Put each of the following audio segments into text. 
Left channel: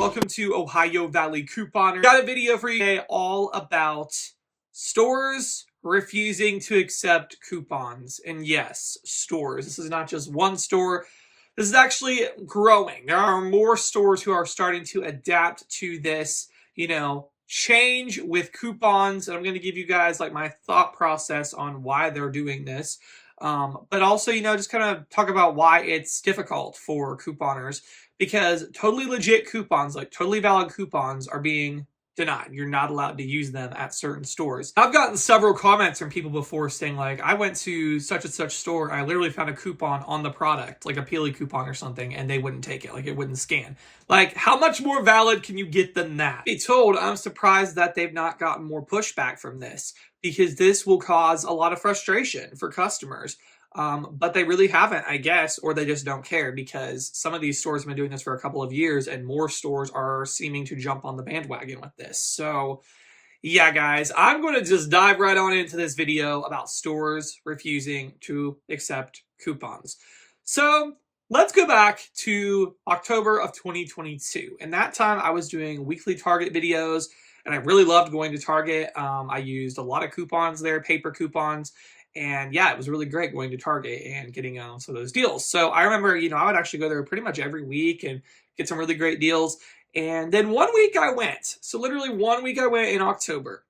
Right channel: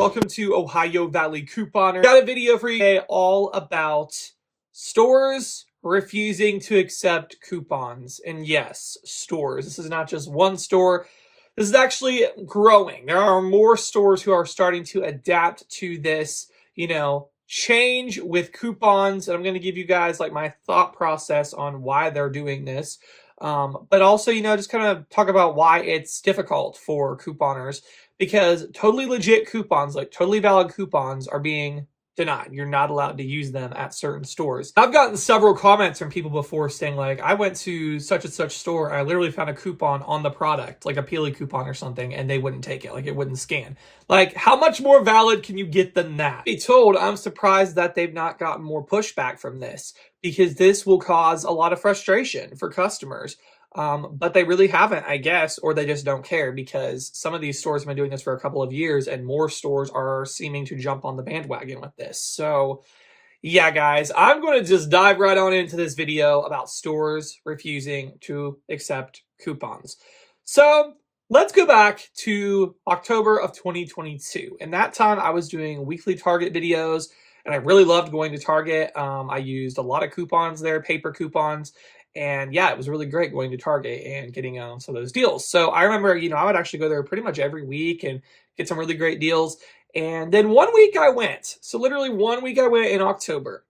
welcome to Ohio Valley Couponer. Got a video for you today all about stores refusing to accept coupons. And yes, stores. This is not just one store. This is actually growing. There are more stores who are starting to adapt to this, change with coupons. And I'm going to give you guys like my thought process on why they're doing this. But also, just kind of talk about why it's difficult for couponers, because totally legit coupons, like totally valid coupons, are being denied. You're not allowed to use them at certain stores. I've gotten several comments from people before saying like, I went to such and such store, I literally found a coupon on the product, like a Peely coupon or something, and they wouldn't take it, like it wouldn't scan. Like, how much more valid can you get than that? Be told, I'm surprised that they've not gotten more pushback from this, because this will cause a lot of frustration for customers. But they really haven't, I guess, or they just don't care, because some of these stores have been doing this for a couple of years and more stores are seeming to jump on the bandwagon with this. So yeah, guys, I'm going to just dive right on into this video about stores refusing to accept coupons. So let's go back to October of 2022. And that time I was doing weekly Target videos and I really loved going to Target. I used a lot of coupons there, paper coupons. And yeah, it was really great going to Target and getting some of those deals. So I remember, I would actually go there pretty much every week and get some really great deals. And then one week I went. So literally 1 week I went in October.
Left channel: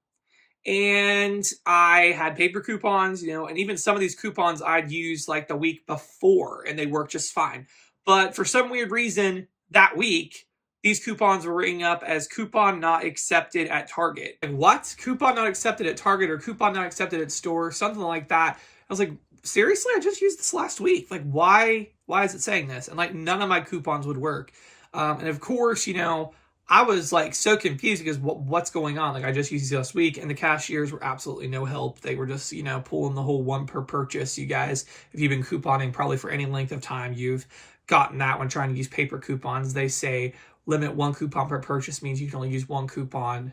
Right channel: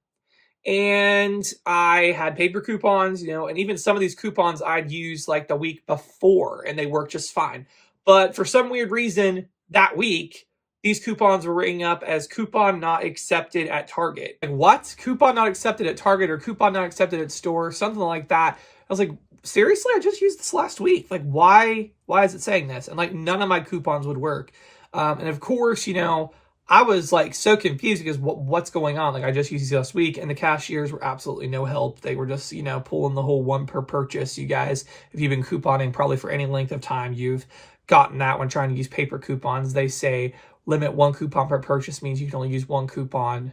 And I had paper coupons, and even some of these coupons I'd used like the week before and they worked just fine. But for some weird reason, that week, these coupons were ringing up as coupon not accepted at Target. Like, what? Coupon not accepted at Target or coupon not accepted at store, something like that. I was like, seriously? I just used this last week. Like, why is it saying this? And like, none of my coupons would work. And of course, I was like so confused because what's going on? Like, I just used these last week and the cashiers were absolutely no help. They were just, pulling the whole one per purchase. You guys, if you've been couponing probably for any length of time, you've gotten that when trying to use paper coupons. They say, limit one coupon per purchase means you can only use one coupon,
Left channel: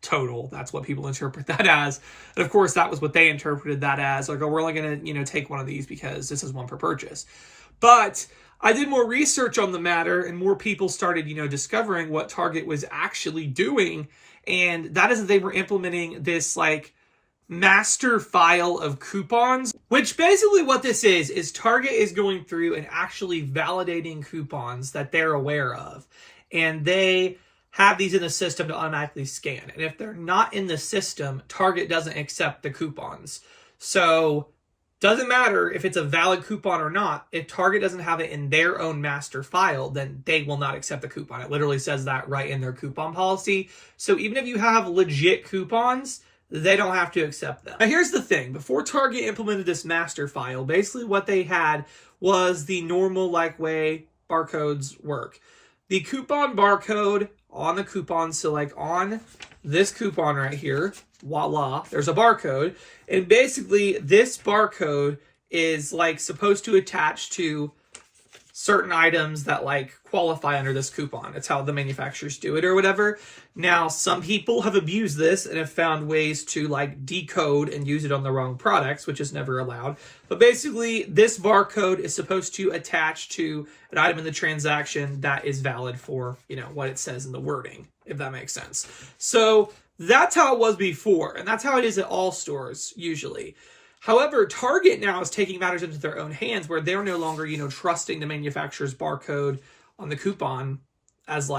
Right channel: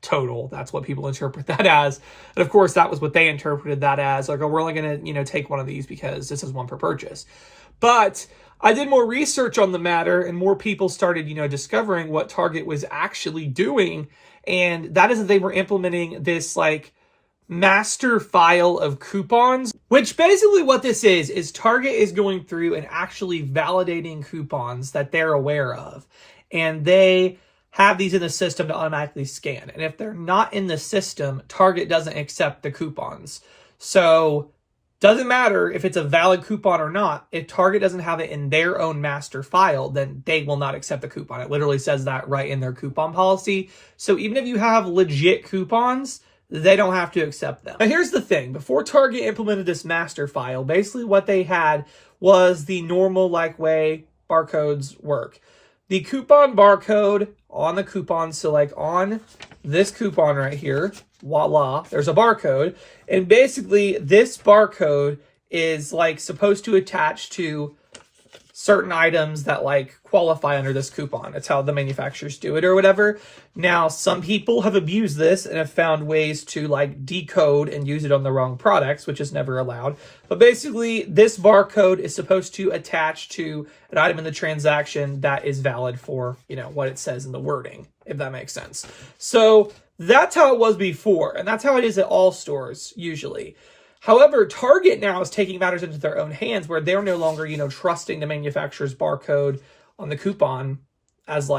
total. That's what people interpret that as. And of course, that was what they interpreted that as. Like, oh, we're only going to, take one of these because this is one per purchase. But I did more research on the matter and more people started, discovering what Target was actually doing. And that is that they were implementing this like master file of coupons, which basically what this is Target is going through and actually validating coupons that they're aware of. And they have these in the system to automatically scan. And if they're not in the system, Target doesn't accept the coupons. So doesn't matter if it's a valid coupon or not. If Target doesn't have it in their own master file, then they will not accept the coupon. It literally says that right in their coupon policy. So even if you have legit coupons, they don't have to accept them. Now here's the thing. Before Target implemented this master file, basically what they had was the normal way barcodes work. The coupon barcode on the coupon, so like on this coupon right here, voila, there's a barcode. And basically this barcode is supposed to attach to certain items that qualify under this coupon. That's how the manufacturers do it or whatever. Now, some people have abused this and have found ways to decode and use it on the wrong products, which is never allowed. But basically, this barcode is supposed to attach to an item in the transaction that is valid for, what it says in the wording, if that makes sense. So that's how it was before, and that's how it is at all stores usually. However, Target now is taking matters into their own hands where they're no longer, trusting the manufacturer's barcode on the coupon as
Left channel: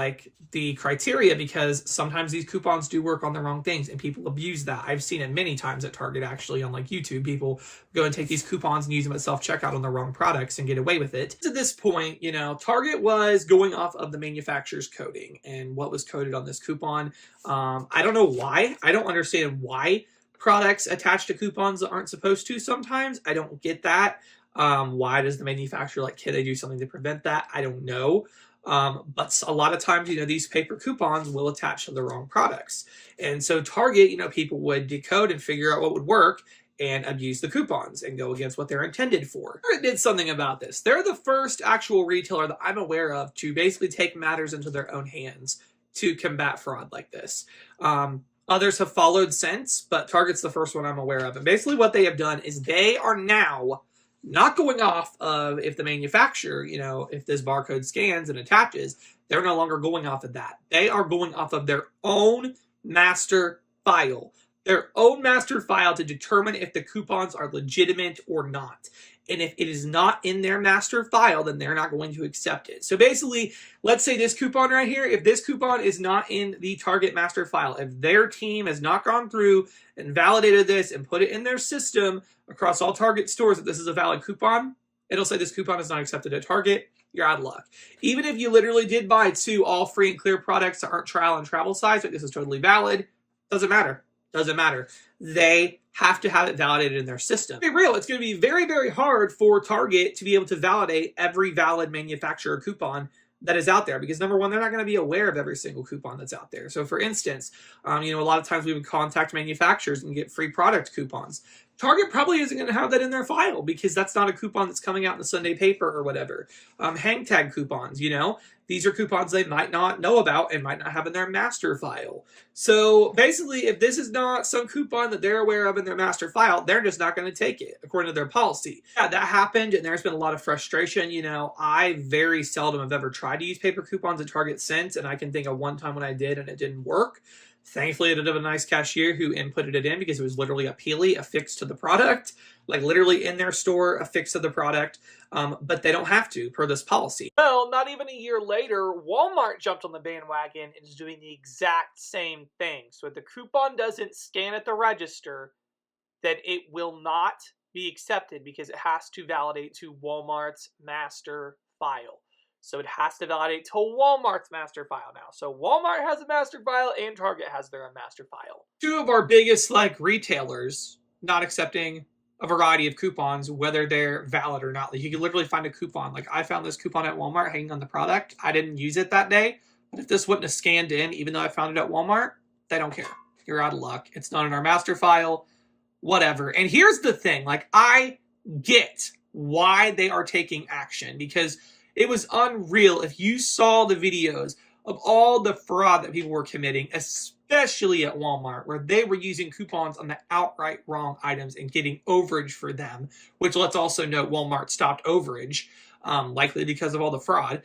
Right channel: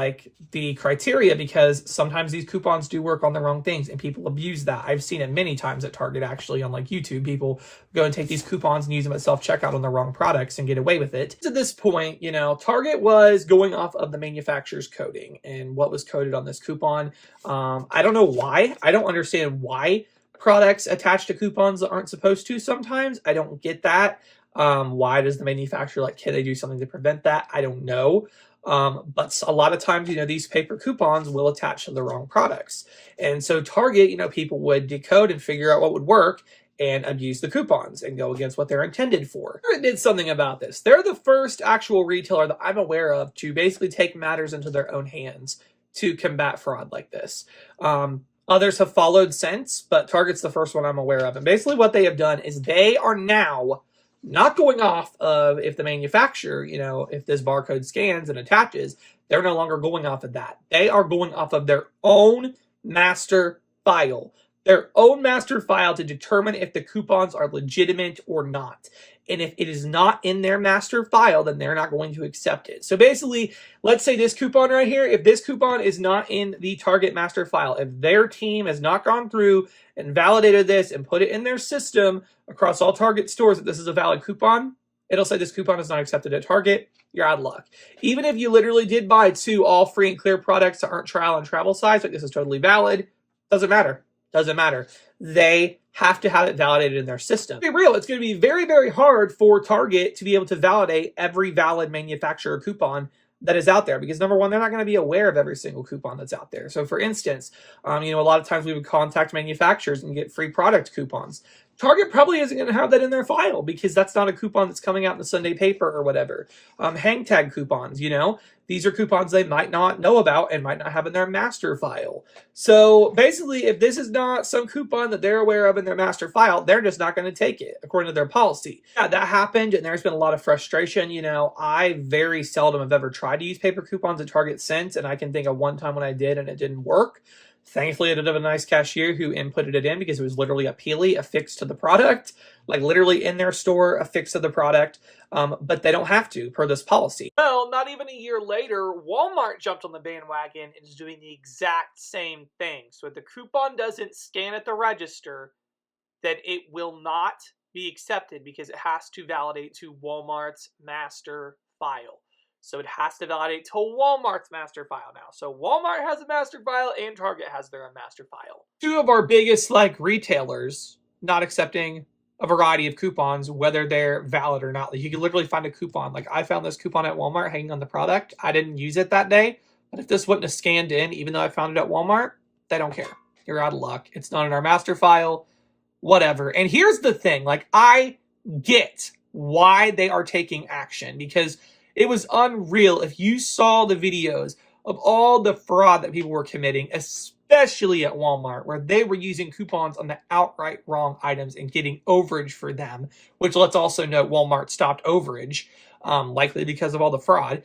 the criteria, because sometimes these coupons do work on the wrong things and people abuse that. I've seen it many times at Target actually on YouTube. People go and take these coupons and use them at self-checkout on the wrong products and get away with it. At this point, Target was going off of the manufacturer's coding and what was coded on this coupon. I don't know why. I don't understand why products attach to coupons that aren't supposed to sometimes. I don't get that. Why does the manufacturer can they do something to prevent that? I don't know. But a lot of times, these paper coupons will attach to the wrong products. And so Target, people would decode and figure out what would work and abuse the coupons and go against what they're intended for. Target did something about this. They're the first actual retailer that I'm aware of to basically take matters into their own hands to combat fraud like this. Others have followed since, but Target's the first one I'm aware of. And basically what they have done is they are now not going off of if the manufacturer, if this barcode scans and attaches, They're no longer going off of that. They are going off of their own master file. Their own master file to determine if the coupons are legitimate or not. And if it is not in their master file, then they're not going to accept it. So basically, let's say this coupon right here, if this coupon is not in the Target master file, if their team has not gone through and validated this and put it in their system across all Target stores that this is a valid coupon, it'll say this coupon is not accepted at Target. You're out of luck. Even if you literally did buy 2 all free and clear products that aren't trial and travel size, like this is totally valid, doesn't matter. Doesn't matter. They have to have it validated in their system. To be real, it's going to be very, very hard for Target to be able to validate every valid manufacturer coupon that is out there because number one, they're not going to be aware of every single coupon that's out there. So for instance, a lot of times we would contact manufacturers and get free product coupons. Target probably isn't going to have that in their file because that's not a coupon that's coming out in the Sunday paper or whatever. Hang tag coupons, these are coupons they might not know about and might not have in their master file. So basically, if this is not some coupon that they're aware of in their master file, they're just not going to take it according to their policy. Yeah, that happened and there's been a lot of frustration. I very seldom have ever tried to use paper coupons at Target since, and I can think of one time when I did and it didn't work. Thankfully, I did have a nice cashier who inputted it in because it was literally a peely affixed to the product, like literally in their store, affixed to the product. But they don't have to per this policy. Well, not even a year later, Walmart jumped on the bandwagon and is doing the exact same thing. So if the coupon doesn't scan at the register, then it will not be accepted because it has to validate to Walmart's master file. So it has to validate to Walmart's master file now. So Walmart has a master file and Target has their own master file. 2 of our biggest retailers not accepting a variety of coupons, whether they're valid or not. Like you can literally find a coupon. Like I found this coupon at Walmart hanging on the product. I didn't use it that day, but if this wouldn't have scanned in, even though I found it at Walmart, they don't care. You're out of luck. It's not in our master file, whatever. And here's the thing, I get why they are taking action because it was unreal. If you saw the videos of all the fraud that people were committing, especially at Walmart, where they were using coupons on the outright wrong items and getting overage for them, which let's also note Walmart stopped overage, likely because of all the fraud.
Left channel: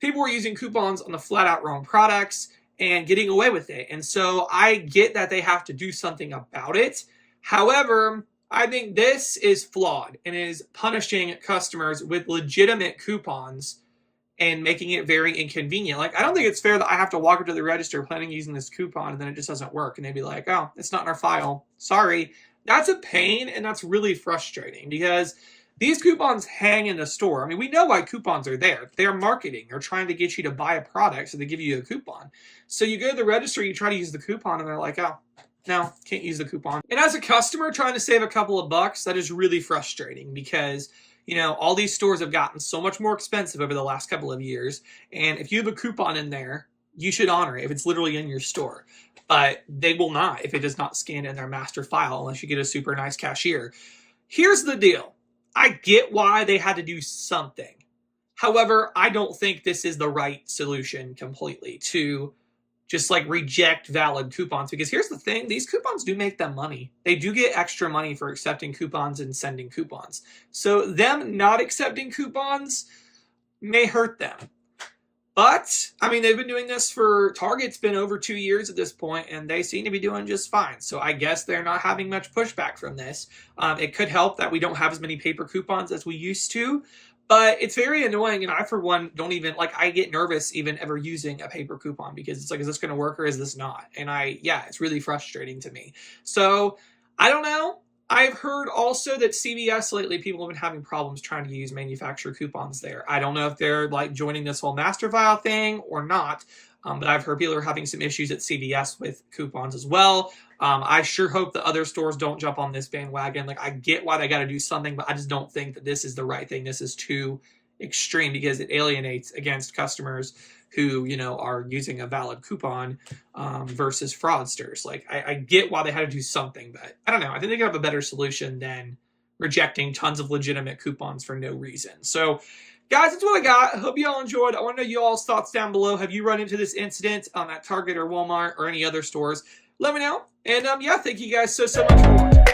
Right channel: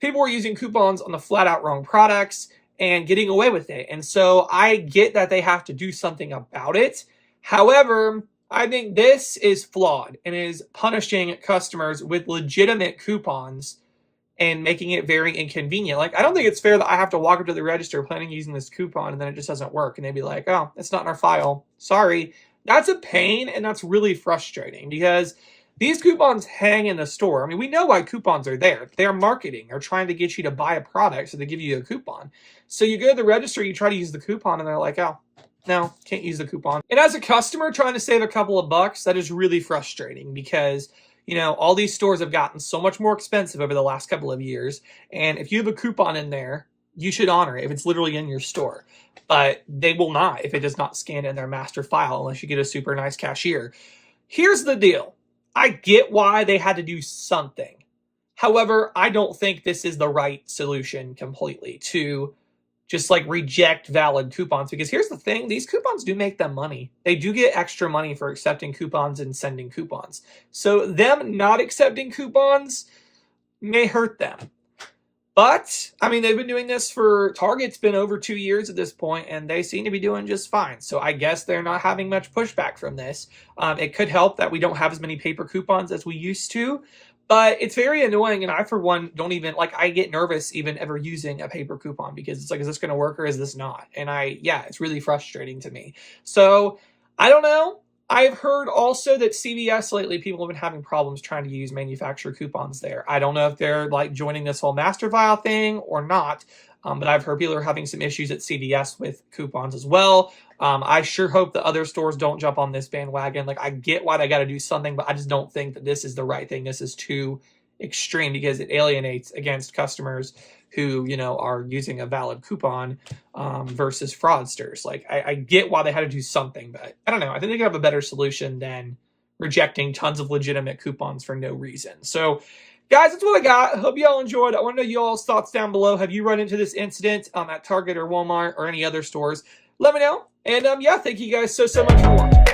People were using coupons on the flat out wrong products and getting away with it. And so I get that they have to do something about it. However, I think this is flawed and is punishing customers with legitimate coupons and making it very inconvenient. I don't think it's fair that I have to walk up to the register planning using this coupon and then it just doesn't work. And they'd be like, oh, it's not in our file. Sorry. That's a pain and that's really frustrating because these coupons hang in the store. We know why coupons are there. They're marketing. They're trying to get you to buy a product, so they give you a coupon. So you go to the register, you try to use the coupon, and they're like, oh, no, can't use the coupon. And as a customer trying to save a couple of bucks, that is really frustrating because all these stores have gotten so much more expensive over the last couple of years. And if you have a coupon in there, you should honor it if it's literally in your store. But they will not if it does not scan in their master file unless you get a super nice cashier. Here's the deal. I get why they had to do something. However, I don't think this is the right solution completely to just reject valid coupons because here's the thing, these coupons do make them money. They do get extra money for accepting coupons and sending coupons. So them not accepting coupons may hurt them. But, they've been doing this for Target's been over 2 years at this point, and they seem to be doing just fine. So I guess they're not having much pushback from this. It could help that we don't have as many paper coupons as we used to. But it's very annoying, and I, for one, don't even, I get nervous even ever using a paper coupon because it's is this going to work or is this not? And it's really frustrating to me. So, I don't know. I've heard also that CVS lately, people have been having problems trying to use manufacturer coupons there. I don't know if they're, joining this whole master file thing or not, but I've heard people are having some issues at CVS with coupons as well. I sure hope the other stores don't jump on this bandwagon. I get why they got to do something, but I just don't think that this is the right thing. This is too extreme because it alienates against customers who, are using a valid coupon versus fraudsters. I get why they had to do something, but I don't know. I think they could have a better solution than rejecting tons of legitimate coupons for no reason. So, guys, that's what I got. I hope y'all enjoyed. I want to know y'all's thoughts down below. Have you run into this incident at Target or Walmart or any other stores? Let me know. And thank you guys so much for watching.